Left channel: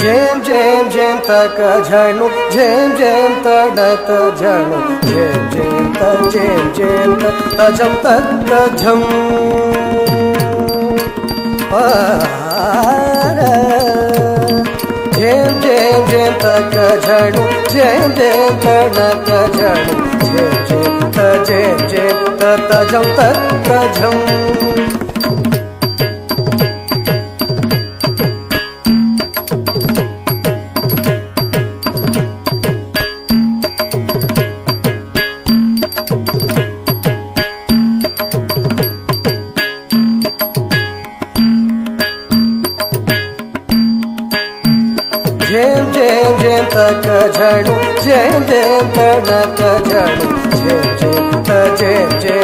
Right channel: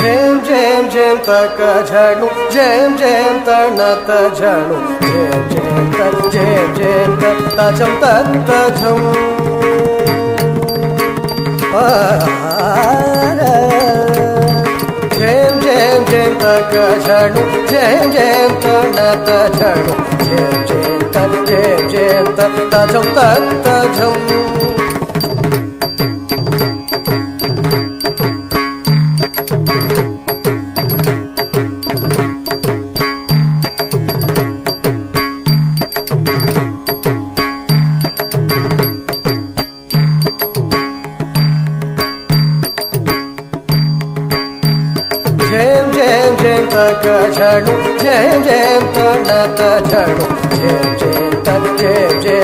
झेम झेम झेम तक झणू झेम झेम तणत झणू झेम झेम त झेम झेम तझम तझम झेम झेम झेम तक झणू झेम झेम तणत झणू झेम झेम त झेम झेम तझम तझम झेम झेम झेम तक झणू झेम झेम तणत झणू झेम झेम त झेम झेम